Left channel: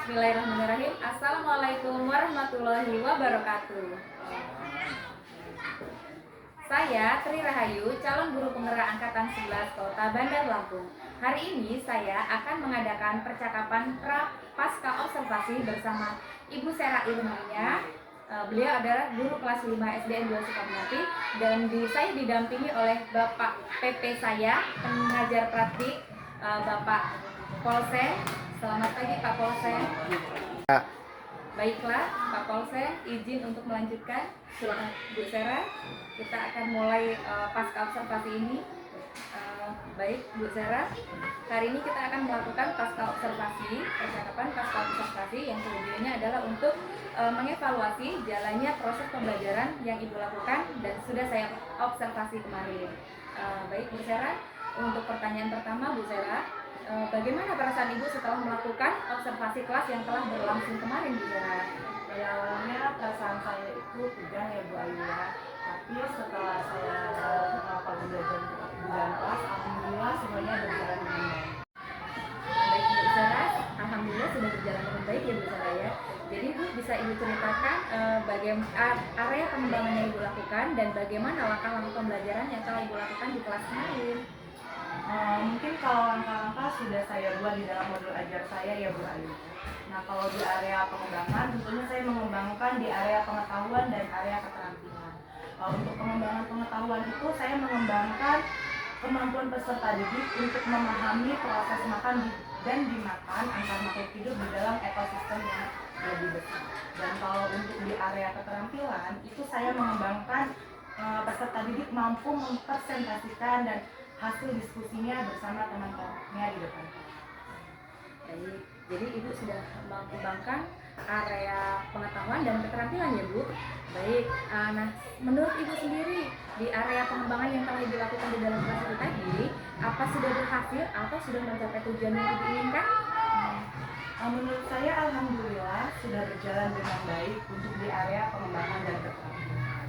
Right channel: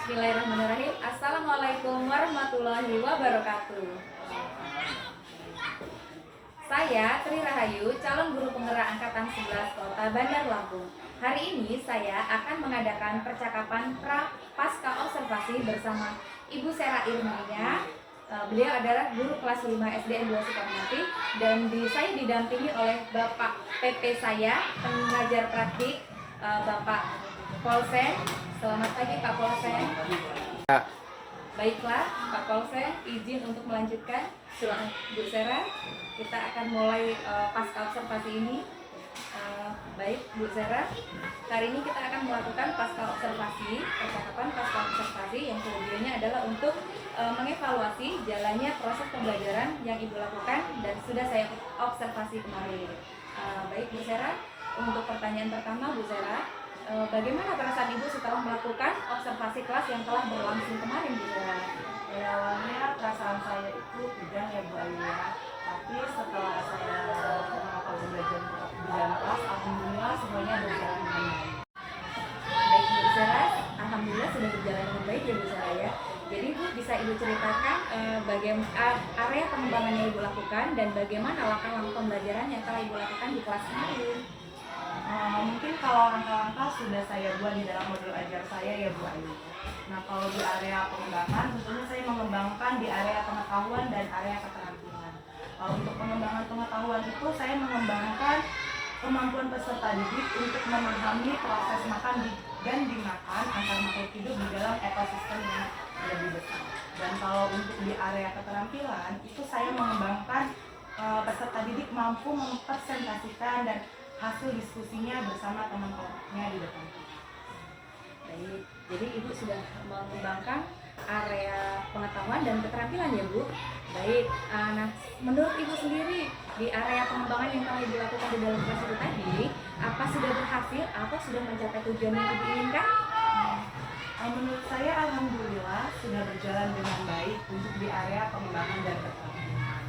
Bismillahirrahmanirrahim. Assalamualaikum warahmatullahi wabarakatuh. Saya Tri Rahayu, calon guru penggerak Angkatan 11 Kota Bandar Lampung. Hari ini saya akan mengadakan percakapan pasca observasi bersama Ibu Sera Irmania. Beliau adalah guru kelas 5 SDN 2 Sukamulya dan saya didampingi oleh Bapak PP saya, pengajar praktik Bapak Polsen. Selamat pagi Pak Polsen. Baiklah Pak Polsen, izin untuk melanjutkan. Silakan Bu Sera, kita akan mulai pasca observasi ini. Baik Bu Sera, hari ini kita akan melakukan pasca observasi, percakapan pasca observasi yang tujuannya adalah untuk mengevaluasi jalannya proses pembelajaran yang Ibu lakukan dan sudah saya observasi kemarin. Baik Bu Sera, untuk pertanyaan pertama Bu Sera, bagaimana perasaan Ibu setelah melakukan observasi kelas yang telah berlangsung kemarin Bu Sera? Awalnya perasaan saya itu tegang ya Bu Ayu ya, tapi setelah saya melakukan pembelajaran di dalam kelas, alhamdulillah semuanya berjalan dengan baik. Baik Bu Sera, alhamdulillah sudah berjalan dengan baik ya Bu Sera ya. Jadi Bu bisa Ibu ceritakan bagaimana area pengembangan yang Ibu lakukan dan bagaimana langkah-langkah pembelajaran yang telah Ibu lakukan di kelas kemarin. Mungkin kalau langkah-langkah sudah saya buat di dalam modul ajar saya ya Bu Ayu. Nah kalau di area pengembangan tentunya saya mengembangkan di area pengetahuan dan area keterampilan. Untuk pengembangan pengetahuan itu saya mengembangkan kemampuan peserta didik untuk memahami proses makan dan dimakan antar makhluk hidup di dalam ekosistem yang lebih besar. Dan kalau untuk di area keterampilan itu saya mengembangkan peserta didik mampu mempresentasikan dan hasil diskusinya bersama teman-temannya di depan. Baik, jadi Ibu sudah mengembangkan area pengetahuan dan keterampilan ya Bu. Baik, nah menurut Ibu sendiri di area pengembangan yang telah Ibu lakukan di dalam kelas itu tadi, apa sudah berhasil atau sudah mencapai tujuan yang Ibu inginkan? Menurut saya alhamdulillah sudah berjalan dengan baik untuk di area pengembangan dan keterampilan.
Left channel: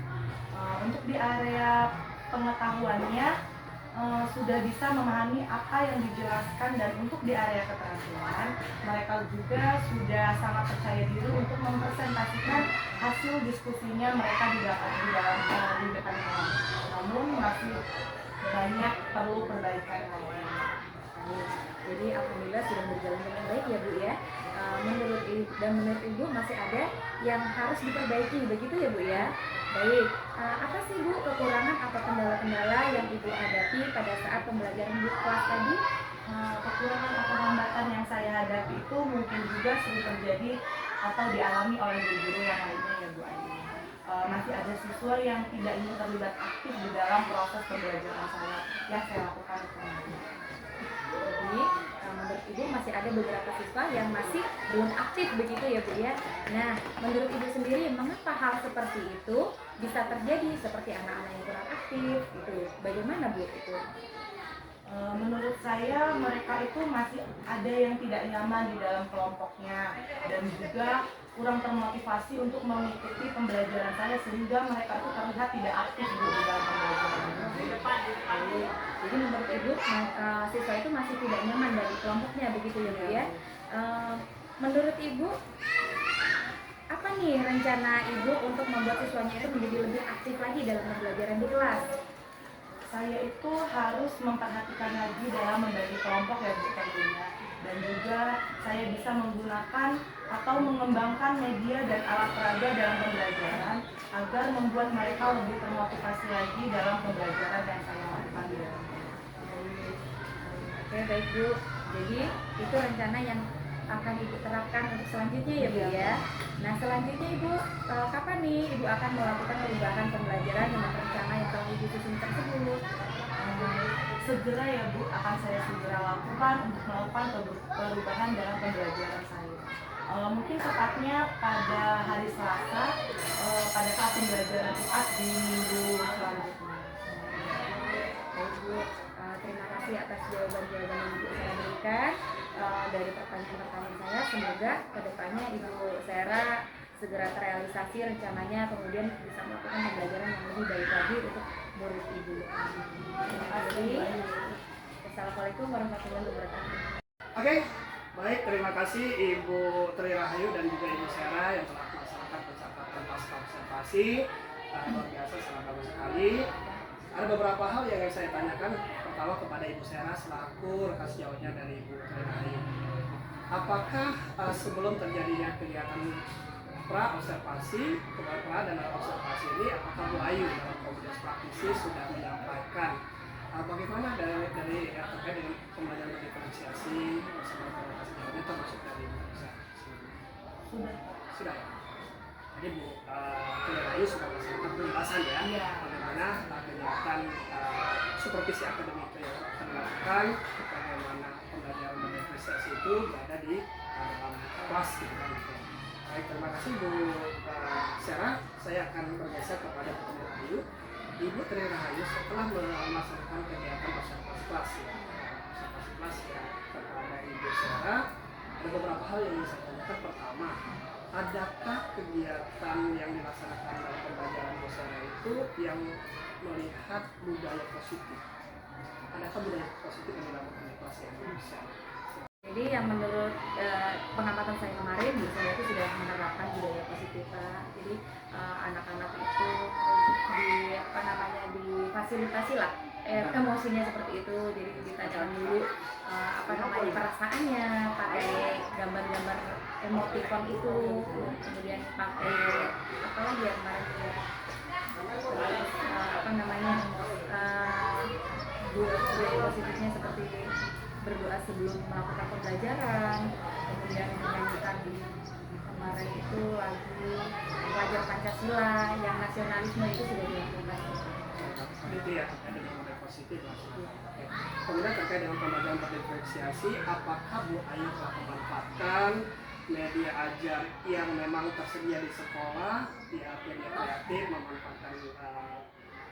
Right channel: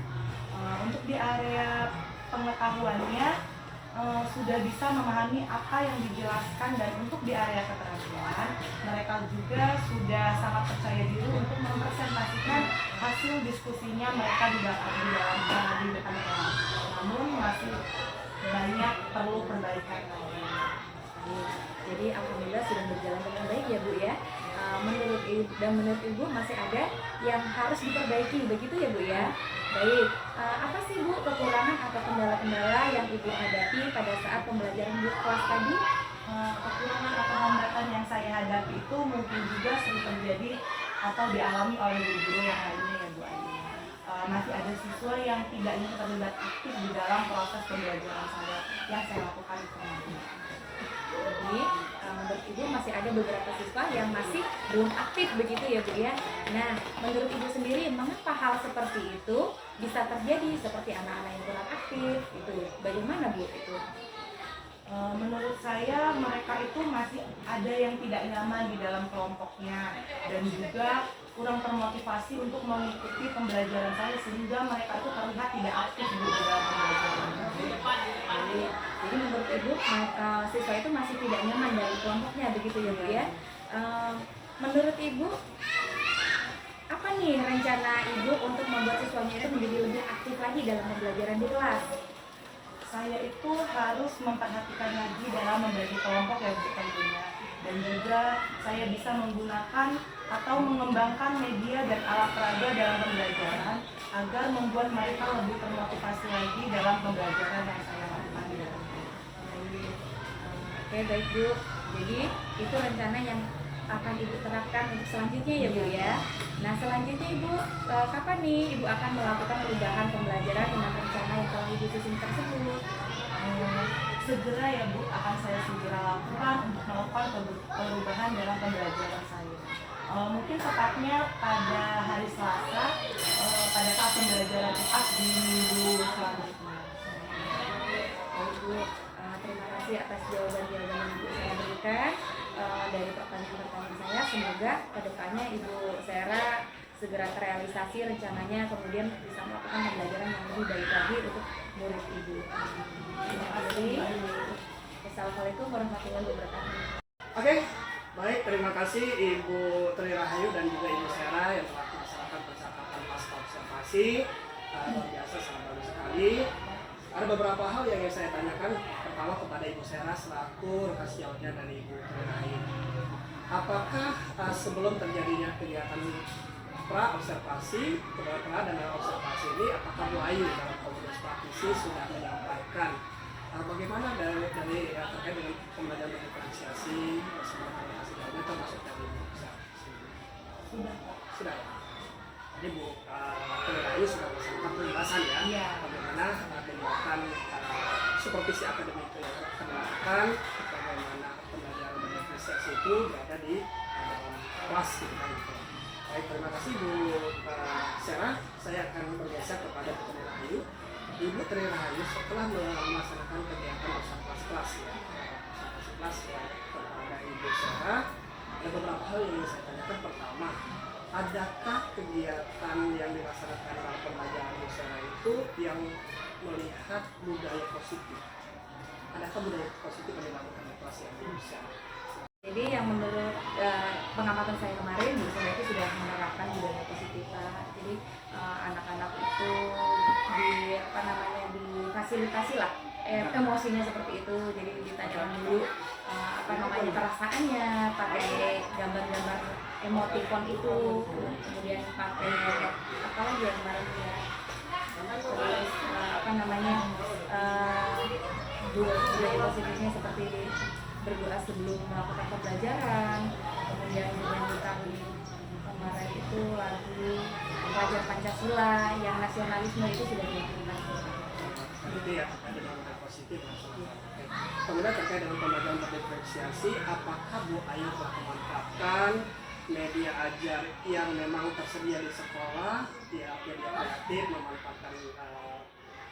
Untuk di area pengetahuannya sudah bisa memahami apa yang dijelaskan, dan untuk di area keterampilan mereka juga sudah sangat percaya diri untuk mempresentasikan hasil diskusinya mereka di depan kelas. Namun masih banyak perlu perbaikan. Jadi alhamdulillah sudah berjalan dengan baik ya Bu ya. Menurut Ibu masih ada yang harus diperbaiki, begitu ya Bu ya. Baik, apa sih Bu kekurangan atau kendala-kendala yang Ibu hadapi pada saat pembelajaran di kelas tadi? Kekurangan atau hambatan yang saya hadapi itu mungkin juga sering terjadi atau dialami oleh guru-guru yang lainnya ya Bu Ayu. Masih ada siswa yang tidak ingin terlibat aktif di dalam proses pembelajaran saya yang saya lakukan di kemarin. Jadi menurut Ibu masih ada beberapa siswa yang masih belum aktif, begitu ya Bu ya. Nah, menurut Ibu sendiri mengapa hal seperti itu bisa terjadi, seperti anak-anak yang kurang aktif itu? Bagaimana Bu itu? Menurut saya mereka itu masih ada yang tidak nyaman di dalam kelompoknya dan juga kurang termotivasi untuk mengikuti pembelajaran saya, sehingga mereka itu terlihat tidak aktif di dalam pembelajaran. Jadi menurut Ibu siswa itu masih tidak nyaman dari kelompoknya, begitu ya Bu ya. Menurut Ibu apa nih rencana Ibu untuk membuat siswanya itu menjadi lebih aktif lagi dalam pembelajaran di kelas? Saya itu harus memperhatikan lagi dalam membagi kelompok ya Bu tentunya, dan juga saya bisa menggunakan atau mengembangkan media dan alat peraga dalam pembelajaran agar membuat mereka lebih termotivasi lagi dalam pembelajaran yang saya lakukan. Oke, baik Bu. Jadi itu rencana yang akan Ibu terapkan untuk selanjutnya ya Bu ya. Nah selanjutnya Ibu kapan nih Ibu akan melakukan perubahan pembelajaran dengan rencana yang telah Ibu susun tersebut? Segera ya Bu, akan saya segera lakukan untuk melakukan perubahan dalam pembelajaran saya. Mungkin tepatnya pada hari Selasa, pada saat pembelajaran UAS di minggu selanjutnya. Baik Bu, terima kasih atas jawaban-jawaban yang Ibu saya berikan dari pertanyaan-pertanyaan saya. Semoga kedepannya Ibu Sera segera terrealisasi rencananya, kemudian bisa melakukan pembelajaran yang lebih baik lagi untuk murid Ibu. Terima kasih. Assalamualaikum warahmatullahi wabarakatuh. Oke, Baik, terima kasih Ibu Tri Rahayu dan juga Ibu Sera yang telah melaksanakan percakapan pasca observasi. Luar biasa, sangat bagus sekali. Ada beberapa hal yang ingin saya tanyakan. Pertama kepada Ibu Sera selaku rekan sejawatnya dari Ibu Tri Rahayu. Apakah sebelum terjadinya kegiatan pra observasi, pra dan observasi ini, apakah Bu Ayu dalam komunitas praktisi sudah menyampaikan bagaimana dari terkait dengan pembelajaran berdiferensiasi bersama komunitas sejauhnya termasuk dari Bu Sera? Sudah ya. Jadi Bu Tri Rahayu sudah melaksanakan penjelasan ya, Iya. bagaimana kegiatan supervisi akademik itu yang akan dilakukan, bagaimana pembelajaran berdiferensiasi itu berada di dalam kelas gitu kan. Baik, terima kasih Bu Sera. Saya akan bergeser kepada Bu Tri Rahayu. Ibu Tri Rahayu setelah melaksanakan kegiatan observasi kelas ya, observasi kelas ya kepada Ibu Sera, ada beberapa hal yang ingin saya tanyakan. Pertama, adakah kegiatan yang dilaksanakan dalam pembelajaran Bu Sera itu yang melihat budaya positif? Adakah budaya positif yang dilakukan di kelas yang Bu Sera? Jadi yang menurut pengamatan saya kemarin, Bu Sera itu sudah menerapkan budaya positif, Pak. Jadi anak-anak itu difasilitasi lah emosinya seperti itu. Jadi ditanyakan dulu perasaannya, pakai gambar-gambar emoticon itu, kemudian pakai apa lagi ya kemarin ya, terus budaya positifnya seperti berdoa sebelum melakukan pembelajaran, kemudian menyanyikan kemarin itu lagu pelajar Pancasila yang nasionalisme itu sudah dilakukan. Itu ya terkait dengan budaya positif. Oke. Kemudian terkait dengan pembelajaran berdiferensiasi, apakah Bu Ayu telah memanfaatkan media ajar yang memang tersedia di sekolah, ya media kreatif, memanfaatkan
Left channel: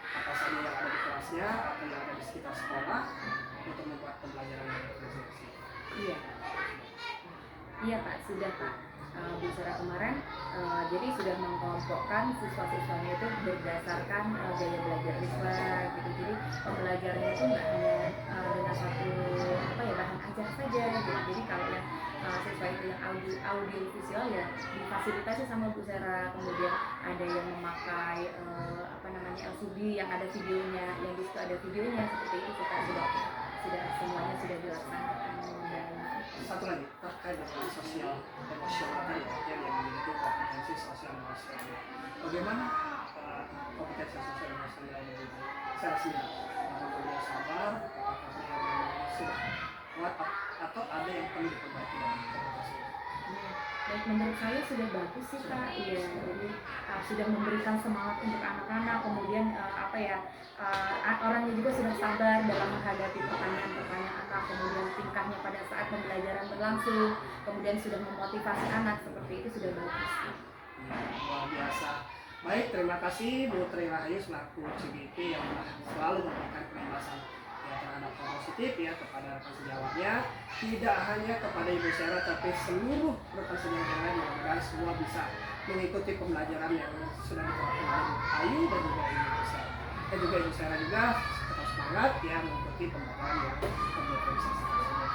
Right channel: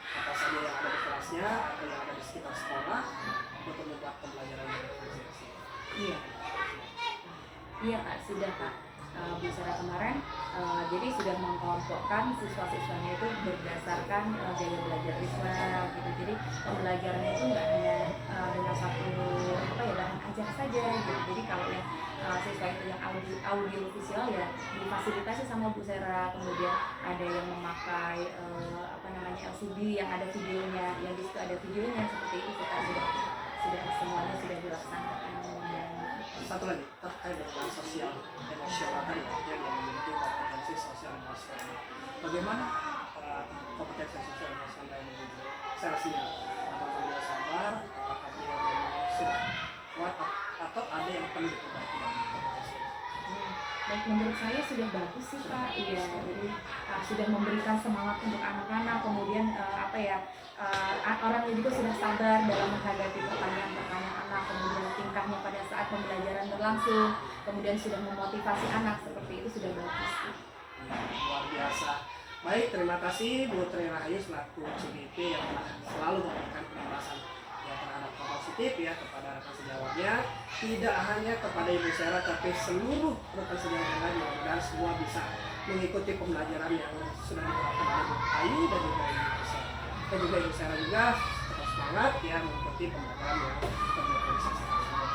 apa saja yang ada di kelasnya atau yang ada di sekitar sekolah untuk membuat pembelajaran berdiferensiasi? Iya Pak, sudah Pak. Bu Sera kemarin jadi sudah mengkelompokkan siswa-siswanya itu berdasarkan gaya belajar siswa gitu. Jadi pembelajarannya itu nggak hanya dengan satu bahan ajar saja gitu. Jadi kalau yang siswa itu yang audio visual ya difasilitasi sama Bu Sera. Kemudian ada yang memakai LCD yang ada videonya, yang di situ ada videonya, seperti itu kita sudah semuanya sudah dilaksanakan. Dan satu lagi terkait dengan sosial emosional tadi ya, yang memiliki kompetensi sosial emosional. Bagaimana kompetensi sosial emosional dari Sera sendiri? Apakah beliau sabar? Apakah beliau memang sudah kuat atau ada yang perlu diperbaiki dalam kompetensi? Baik, menurut saya sudah bagus sih Pak. Iya, jadi sudah memberikan semangat untuk anak-anak. Kemudian orangnya juga sudah sabar dalam menghadapi pertanyaan-pertanyaan anak. Kemudian tingkahnya pada saat pembelajaran berlangsung. Kemudian sudah memotivasi anak, seperti itu sudah bagus sih. Luar biasa. Baik, terima kasih Bu Tri Rahayu selaku CGP yang selalu memberikan penjelasan terhadap positif ya kepada rekan sejawatnya, tidak hanya kepada Ibu Sera tapi seluruh rekan sejawat yang lain. Mudah-mudahan semua bisa mengikuti pembelajaran yang sudah diterapkan oleh Bu Ayu dan juga Ibu Sera. Dan juga Ibu Sera juga tetap semangat ya mengikuti pembelajaran yang berdiferensiasi tersebut.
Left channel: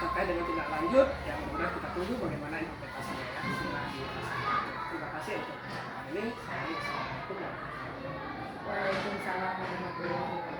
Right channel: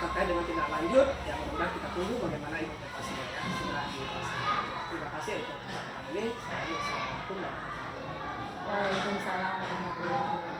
Terkait dengan tindak lanjut, ya mudah-mudahan kita tunggu bagaimana implementasinya ya setelah dilaksanakan. Terima kasih untuk kesempatan ini. Saya Assalamualaikum warahmatullahi wabarakatuh. Waalaikumsalam warahmatullahi wabarakatuh.